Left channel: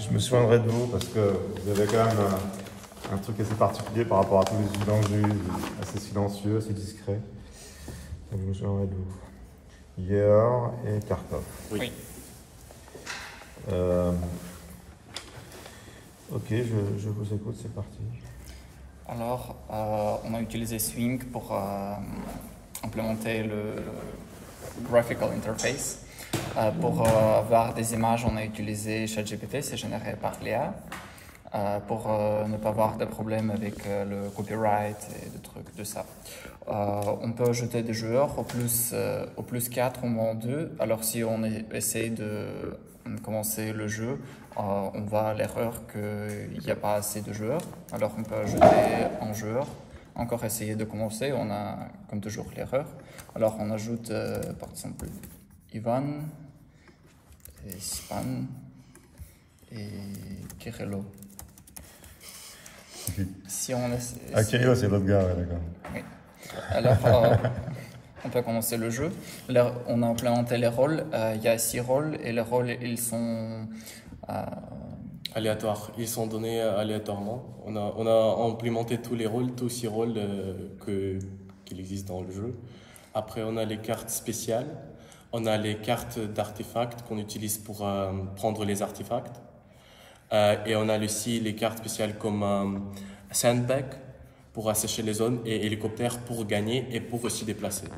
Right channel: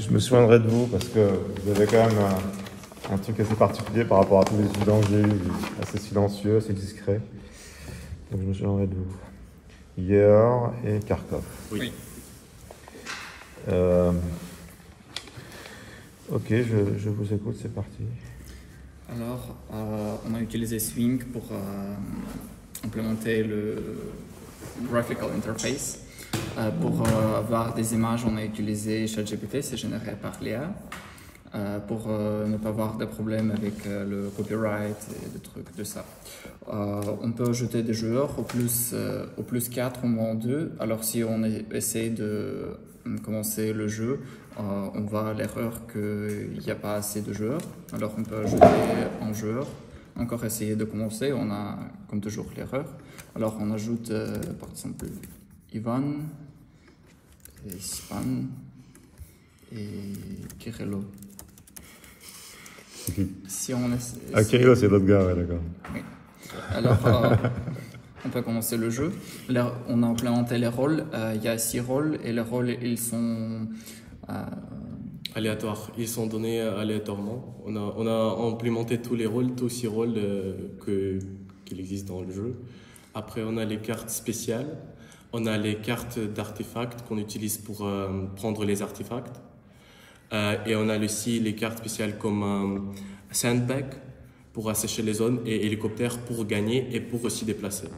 je me souviendrai de vous parce que vous avez quand même un truc assez particulier par rapport à tous les étudiants que j'ai eu, assez silencieux, assez discret. Donc je me souviendrai de vous. Year et Kharkov. Oui. Ok, je vous écoute, c'est parti. Alors, on a utilisé Swing pour implémenter le graphical interface. Pour avoir des images, on a utilisé ChatGPT, c'est généré par l'IA. Pour ne pas avoir de problèmes avec le copyright et des trucs de ça. On peut ajouter des joueurs au plus 4 ou moins 2. Alors si on essaie de commencer le jeu, on va à l'erreur qu'il n'y a pas assez de joueurs. Alors on peut ajouter un joueur, encore essayer de commencer, on a comme toujours l'erreur. Alors on ajoute par exemple Ivan, et Span et Kirello. Si on essaie, ah, Kirello, c'est l'autre gars, ouais, d'accord. Oui. Alors, on peut commencer le jeu. Là, on a implémenté les rôles. Il y a 6 rôles et les rôles, ils sont aléatoires. Ils sont donnés aléatoirement. On a implémenté tous les rôles, tous 6 rôles qu'il existe dans le jeu. Après, on a les cartes spéciales. On a les cartes d'artefacts qu'on utilise pour prendre les artefacts. Et on a aussi les cartes spéciales comme Sandbag pour assécher les zones et hélicoptère pour gagner et pour aussi déplacer.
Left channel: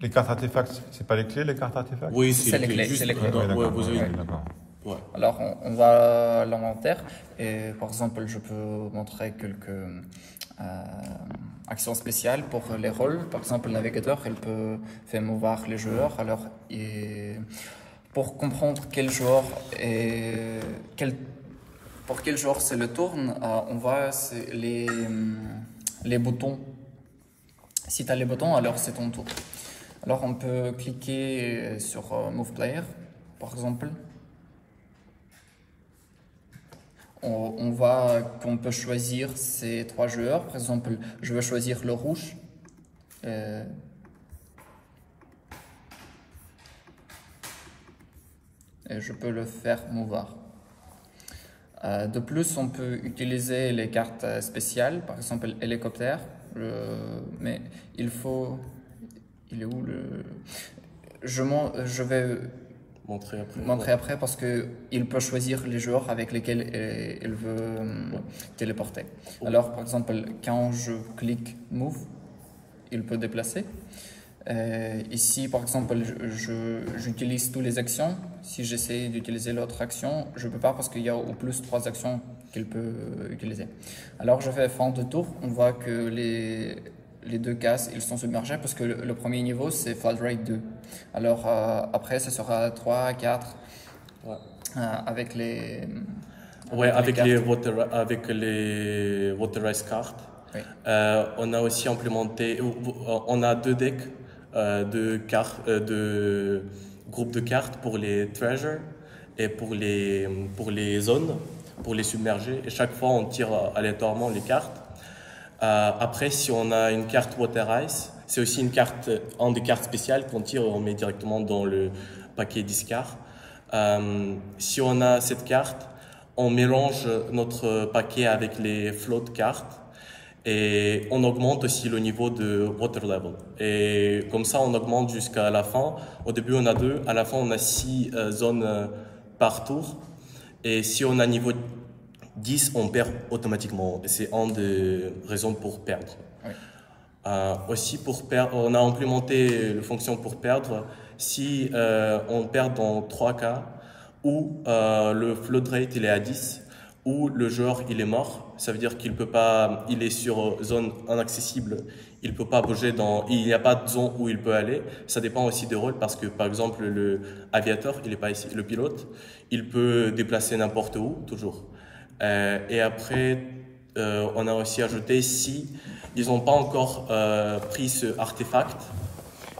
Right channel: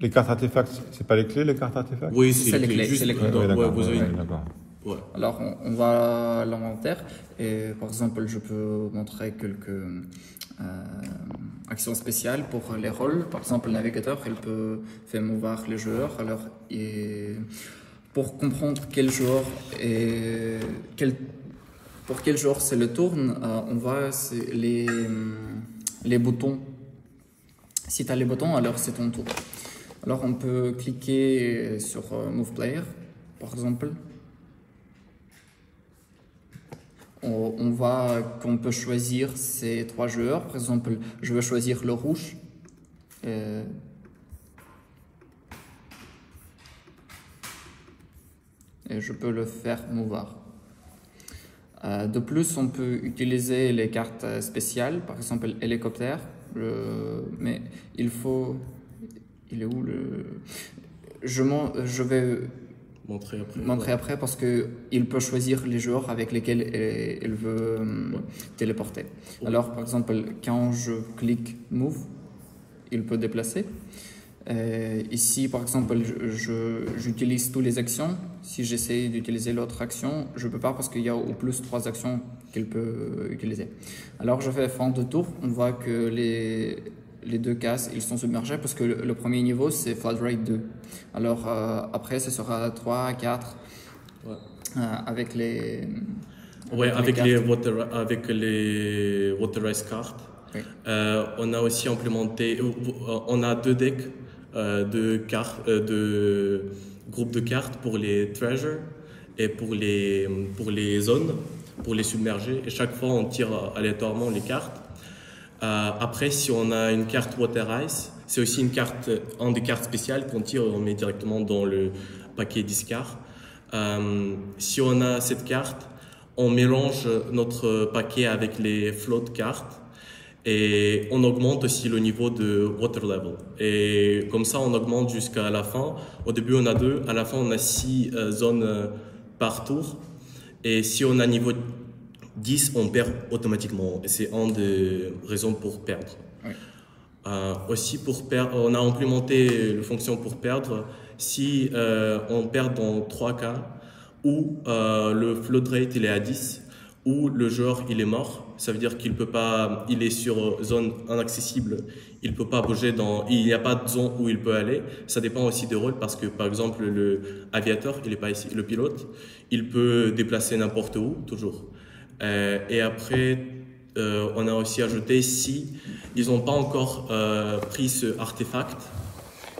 Les cartes artefacts, c'est pas les clés, les cartes artefacts? Oui, c'est les clés. Juste, les clés. Ouais, vous avez... Ouais. Alors, on va à l'inventaire et par exemple, je peux montrer quelques actions spéciales pour les rôles. Par exemple, le navigateur, elle peut faire mouvoir les joueurs. Alors, pour comprendre quel joueur et pour quel joueur c'est le tourne, on voit les boutons. Si tu as les boutons, alors c'est ton tour. Alors, on peut cliquer sur Move Player, par exemple. On voit qu'on peut choisir ces 3 joueurs. Par exemple, je veux choisir le rouge. Et je peux le faire mouvoir. De plus, on peut utiliser les cartes spéciales, par exemple hélicoptère. Mais il faut... Il est où le... Je vais montrer après parce qu'il peut choisir les joueurs avec lesquels il veut téléporter. Alors, par exemple, quand je clique Move, il peut déplacer. Ici, par exemple, j'utilise toutes les actions. Si j'essaie d'utiliser l'autre action, je ne peux pas parce qu'il y a au plus 3 actions qu'il peut utiliser. Alors, je fais fin de tour. On voit que les 2 cases, ils sont submergés parce que le premier niveau, c'est Flood Rate 2. Alors, après, ce sera 3, 4, avec les... Ouais, avec les Waterized Cards. Oui. On a aussi implémenté... On a 2 decks de groupes de cartes pour les treasures et pour les zones, pour les submerger. Et chaque fois, on tire aléatoirement les cartes. Après, si on a une carte Water Ice, c'est aussi une des cartes spéciales qu'on tire, on met directement dans le paquet discard. Si on a cette carte, on mélange notre paquet avec les float cartes et on augmente aussi le niveau de water level. Et comme ça, on augmente jusqu'à la fin. Au début, on a 2, à la fin, on a 6 zones par tour. Et si on a niveau 10, on perd automatiquement. Et c'est une des raisons pour perdre. Oui. Aussi, pour perdre, on a implémenté la fonction pour perdre. Si on perd dans 3 cas, où le flood rate il est à 10, où le joueur il est mort, ça veut dire qu'il peut pas, il est sur zone inaccessible, il peut pas bouger il n'y a pas de zone où il peut aller. Ça dépend aussi des rôles parce que par exemple le aviateur, il est pas ici, le pilote, il peut déplacer n'importe où toujours. Et après, on a aussi ajouté si ils n'ont pas encore pris ce artefact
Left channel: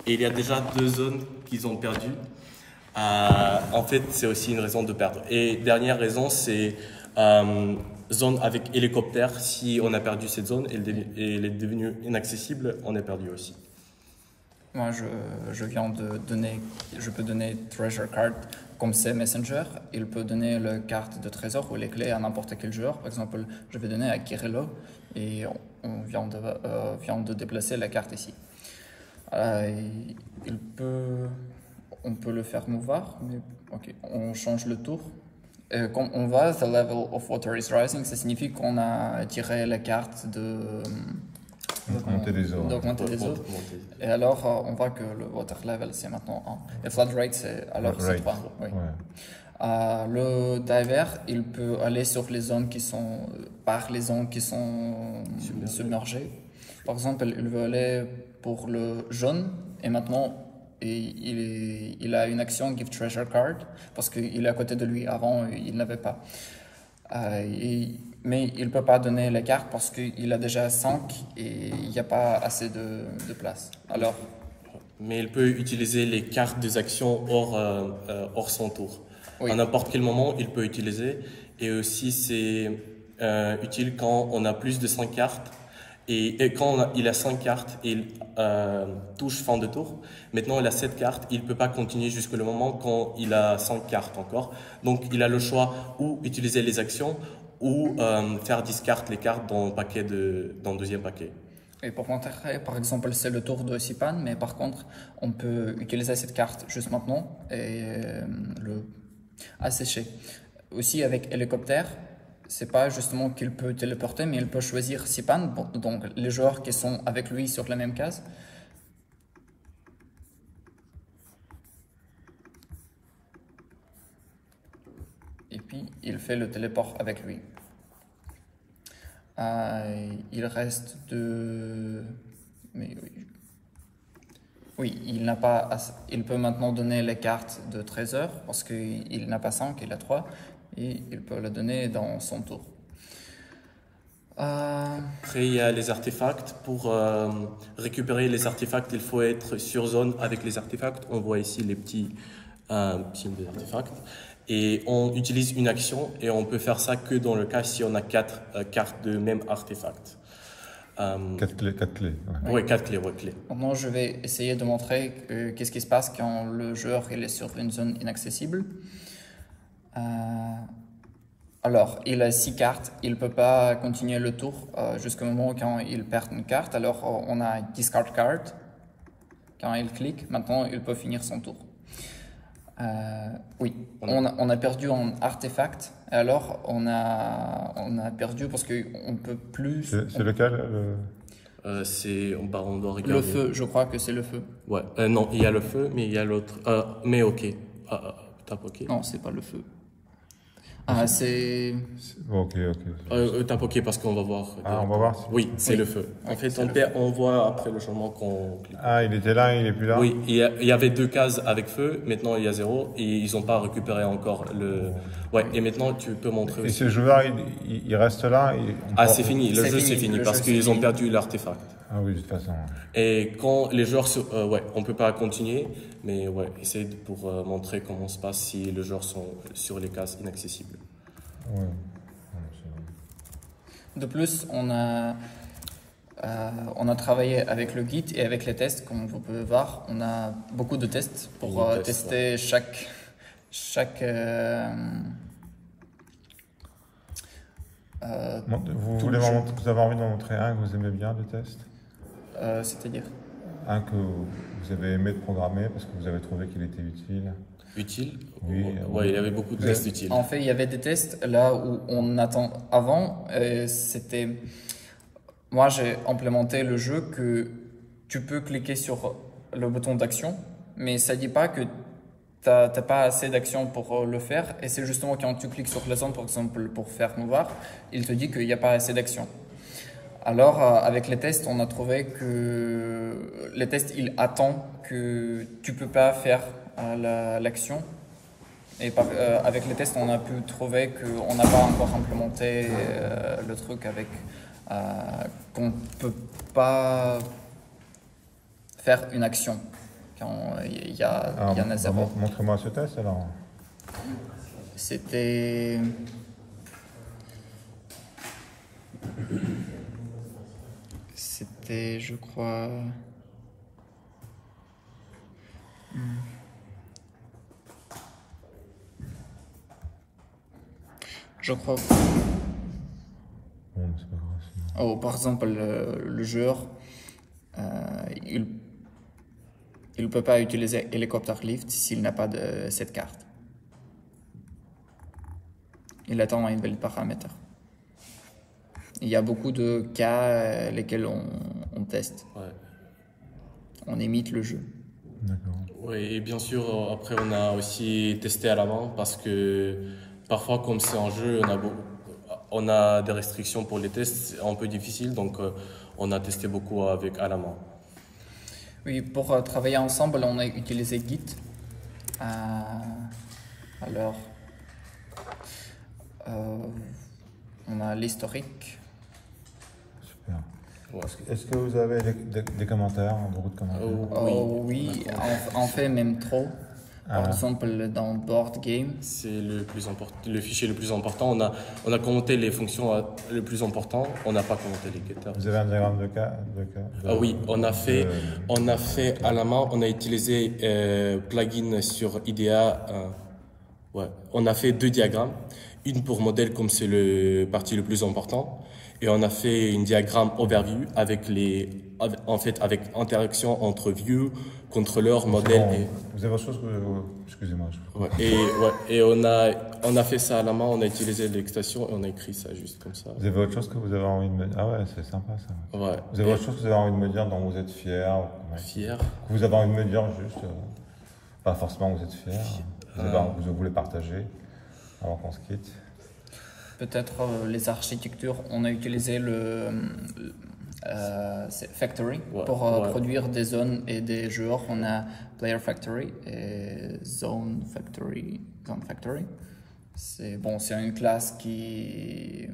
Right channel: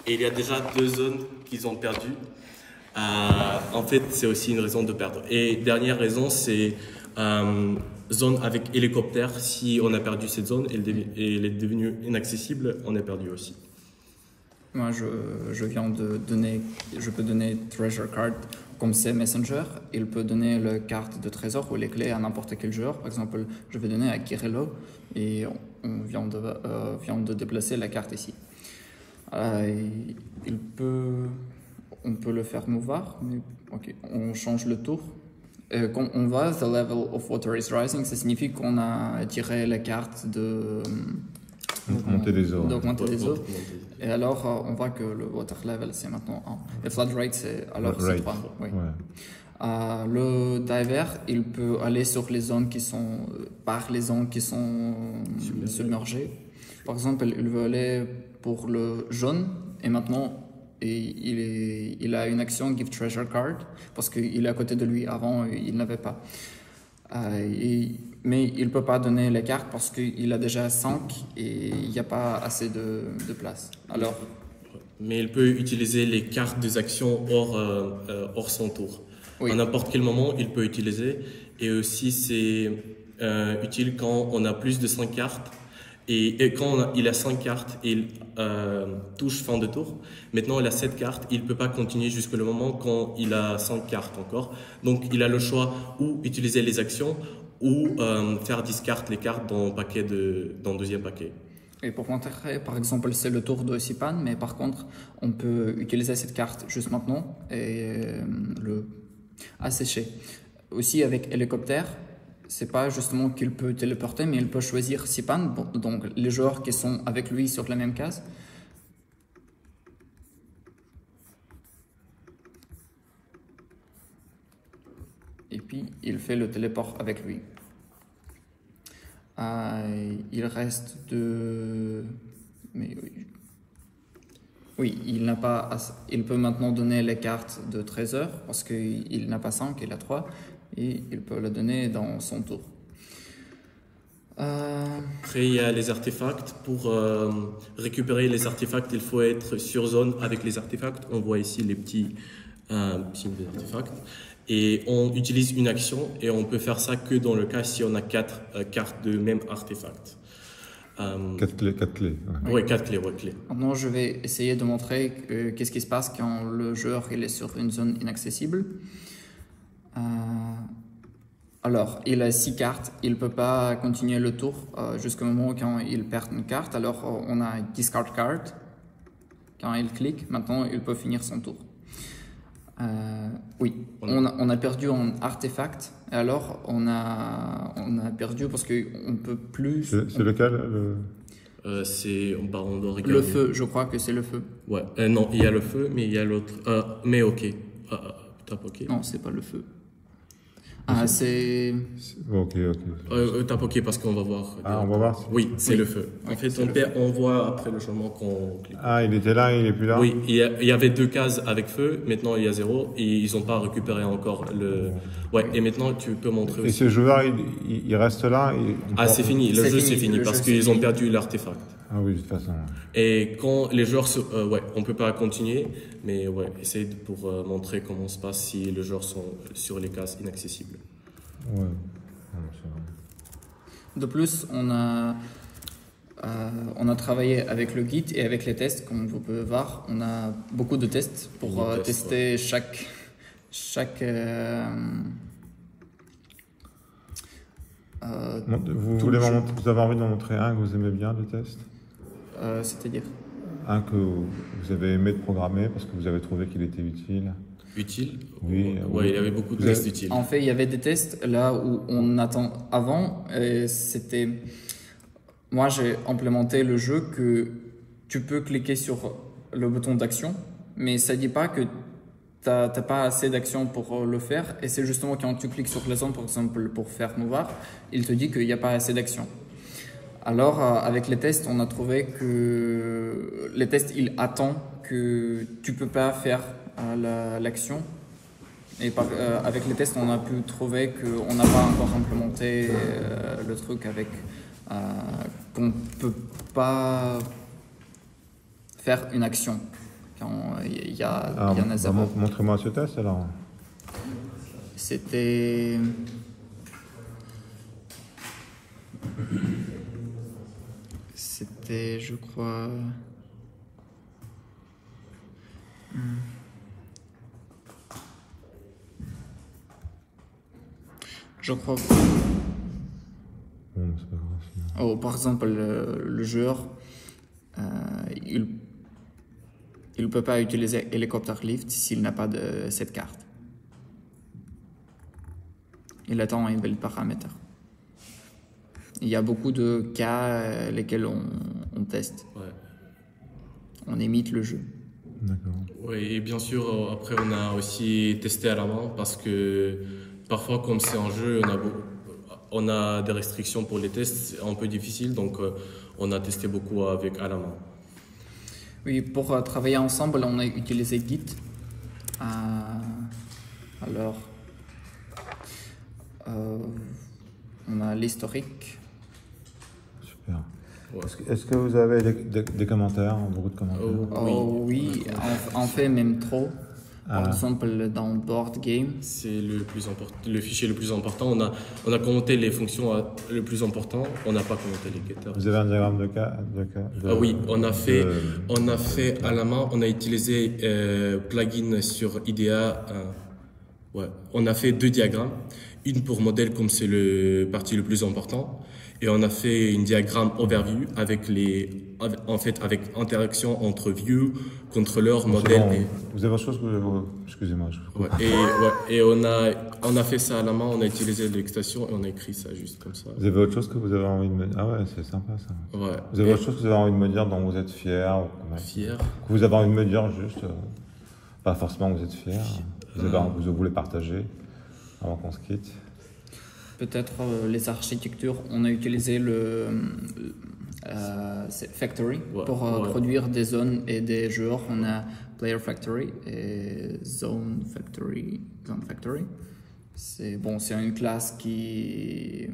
et il y a déjà 2 zones qu'ils ont perdues. En fait, c'est aussi une raison de perdre. Et dernière raison, c'est zone avec hélicoptère. Si on a perdu cette zone et elle est devenue inaccessible, on est perdu aussi. Moi, je viens de donner, je peux donner Treasure Card comme c'est Messenger. Il peut donner la carte de trésor ou les clés à n'importe quel joueur. Par exemple, je vais donner à Kirello et on vient de déplacer la carte ici. On peut le faire mouvoir, mais ok, on change le tour. Quand on va, the level of water is rising, ça signifie qu'on a tiré la carte d'augmenter les eaux. Et alors, on voit que le water level, c'est maintenant 1. Le flood rate, c'est 3. Oui. Ouais. Le diver, il peut aller sur les zones qui sont, submergées. Par exemple, il veut aller pour le jaune, et maintenant, il a une action Give Treasure Card, parce qu'il est à côté de lui. Avant, il n'avait pas. Mais il ne peut pas donner les cartes parce qu'il a déjà 5 et il n'y a pas assez de place. Alors, mais il peut utiliser les cartes des actions hors son tour. Oui. À n'importe quel moment, il peut utiliser. Et aussi, c'est utile quand on a plus de 5 cartes. Et quand il a 5 cartes, il touche fin de tour. Maintenant, il a 7 cartes. Il ne peut pas continuer jusqu'au moment quand il a 5 cartes encore. Donc, il a le choix ou utiliser les actions ou faire discard les cartes dans le deuxième paquet. Et pour montrer, par exemple, c'est le tour de Sipan, mais par contre, on peut utiliser cette carte juste maintenant et le assécher. Aussi avec hélicoptère, c'est pas justement qu'il peut téléporter, mais il peut choisir Sipan, donc les joueurs qui sont avec lui sur la même case. Et puis, il fait le téléport avec lui. Il reste de... Mais oui, il peut maintenant donner les cartes de trésor parce qu'il n'a pas 5, il a 3. Et il peut le donner dans son tour. Après, il y a les artefacts. Pour récupérer les artefacts, il faut être sur zone avec les artefacts. On voit ici les petits signes des artefacts. Et on utilise une action et on peut faire ça que dans le cas si on a 4 cartes de même artefact. 4 clés. Oui, 4 clés, ouais, clés. Maintenant, je vais essayer de montrer qu'est-ce qui se passe quand le joueur il est sur une zone inaccessible. Alors, il a 6 cartes, il ne peut pas continuer le tour jusqu'au moment quand il perd une carte. Alors, on a discard card. Quand il clique, maintenant, il peut finir son tour. Oui, on a perdu un artefact. Alors, on a perdu parce qu'on ne peut plus... C'est lequel on doit regarder. Le feu, je crois que c'est le feu. Ouais, non, il y a le feu, mais il y a l'autre. Mais ok. Tape ok. Non, c'est pas le feu. C'est... Ok. Tape ok parce qu'on va voir. On va voir. Oui, c'est le feu. En Oui, fait, on voit après le changement qu'on clique. Il était là, il est plus là. Oui, il y avait 2 cases avec feu, maintenant il y a 0 et ils n'ont pas récupéré encore le... Ouais, et maintenant tu peux montrer aussi. Et ce joueur, il reste là c'est fini, le jeu c'est fini parce qu'ils ont perdu l'artefact. Ah oui, de toute façon. Et quand les joueurs... on ne peut pas continuer, mais essaye pour montrer comment se passe si les joueurs sont sur les cases inaccessibles. Ouais. De plus, on a travaillé avec le guide et avec les tests, comme vous pouvez voir. On a beaucoup de tests pour tester chaque vous avez envie de montrer un que vous aimez bien de test c'est-à-dire un que vous avez aimé de programmer parce que vous avez trouvé qu'il était utile. Utile? Oui. Il y avait beaucoup de tests utiles. En fait, il y avait des tests là où on attend avant. C'était... Moi, j'ai implémenté le jeu que tu peux cliquer sur le bouton d'action, mais ça ne dit pas que tu n'as pas assez d'action pour le faire. Et c'est justement quand tu cliques sur la zone, par exemple, pour faire mouvoir, il te dit qu'il n'y a pas assez d'action. Alors, avec les tests, on a trouvé que les tests, ils attendent que tu ne peux pas faire l'action. Et avec les tests, on a pu trouver qu'on n'a pas encore implémenté le truc avec qu'on ne peut pas faire une action quand il y a un 0. Montrez-moi ce test alors. C'était... je crois... Je crois. Bon, c'est pas grave. Oh, par exemple, le joueur, il ne peut pas utiliser hélicoptère lift s'il n'a pas de cette carte. Il attend un bel paramètre. Il y a beaucoup de cas lesquels on teste. Ouais. On imite le jeu. D'accord. Oui, et bien sûr, après, on a aussi testé à la main parce que parfois, comme c'est un jeu, on a des restrictions pour les tests, c'est un peu difficile, donc on a testé beaucoup à la main. Oui, pour travailler ensemble, on a utilisé Git. Alors, on a l'historique. Super. Ouais. Est-ce que vous avez des commentaires, beaucoup de commentaires? Oh, oui, on fait même trop. Par Ah. exemple, dans Board Game. C'est le plus important, le fichier le plus important. On a commenté les fonctions les plus importantes, on n'a pas commenté les getters. Vous avez un diagramme de cas Oui, on a fait à la main, on a utilisé plugin sur IDEA. Ouais. On a fait 2 diagrammes, une pour modèle comme c'est le parti le plus important, et on a fait une diagramme overview avec avec interaction entre view, contrôleur, modèle et. Vous avez autre chose que excusez-moi. Ouais, et on a fait ça à la main, on a utilisé l'extension et on a écrit ça juste comme ça. Vous avez autre chose que vous avez envie de me dire? Ah ouais, c'est sympa ça. Ouais. Vous avez autre chose que vous avez envie de me dire dont vous êtes fier? Fier. Que vous avez envie de me dire juste, pas forcément vous êtes fier, vous voulez partager avant qu'on se quitte? Peut-être les architectures, on a utilisé le Factory pour produire des zones et des joueurs. On a Player Factory et Zone Factory. C'est bon, c'est une classe qui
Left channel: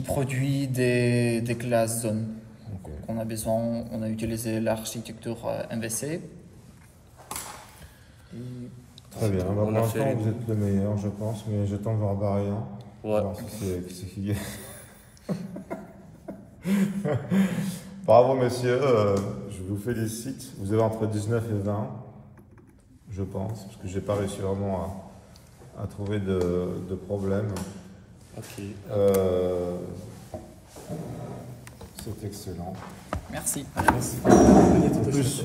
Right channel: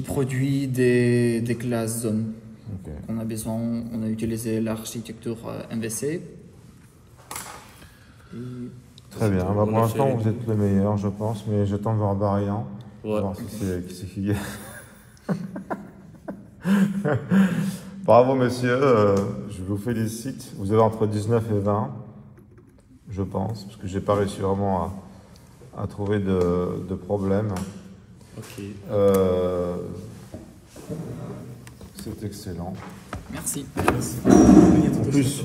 produit des classes zones. Okay. On a besoin, on a utilisé l'architecture MVC. Très bien, pour l'instant vous êtes le meilleur je pense, mais j'attends voir Barian. Ouais. Voir si c'est qui est. Bravo messieurs, je vous félicite. Vous avez entre 19 et 20, je pense, parce que j'ai pas réussi vraiment à trouver de problème. Ok. C'est excellent. Merci. En plus,